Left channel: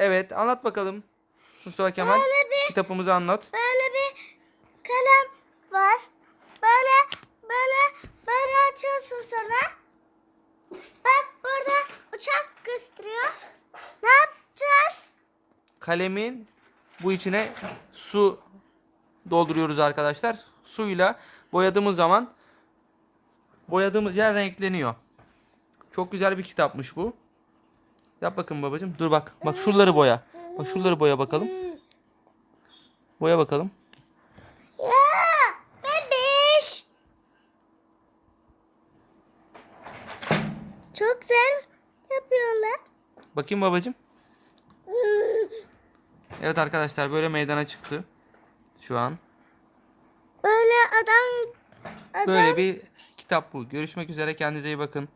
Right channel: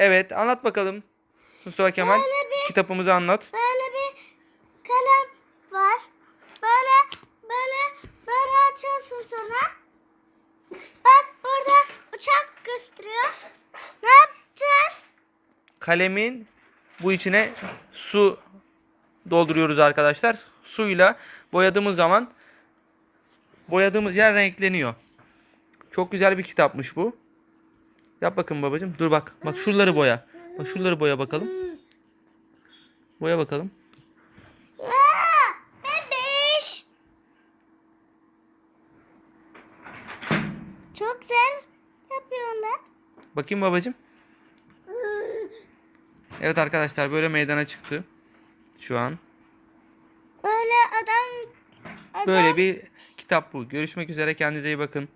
Evet anlat bakalım. Mustafa Kemal Böyle bir- kitabımızı anlat. Böyle bir kalem var. Böyle böyle böyle açıyorsun sonra. Bak burada uçak gösteriyor. Ne yapacağız? Kalemin bu içine su dolduruyoruz arkadaşlar. Suyla boyadığımız zaman boyadığımız yer renkleniyor. Çok güzel bir kitapmış bu. Yap bakın babacığım. Dur bak. Bak şuraları boya. Bak şuraları boya bakalım. Boya bakalım. Bebiş. Çok güzel yapıyorlar. Bakayım babacığım. Evet arkadaşlar böyle meydana çıktı. Şu an. Böyle adam, adam Böyle bir kitap bu. Görüşmek üzere. Kendinize iyi bakın.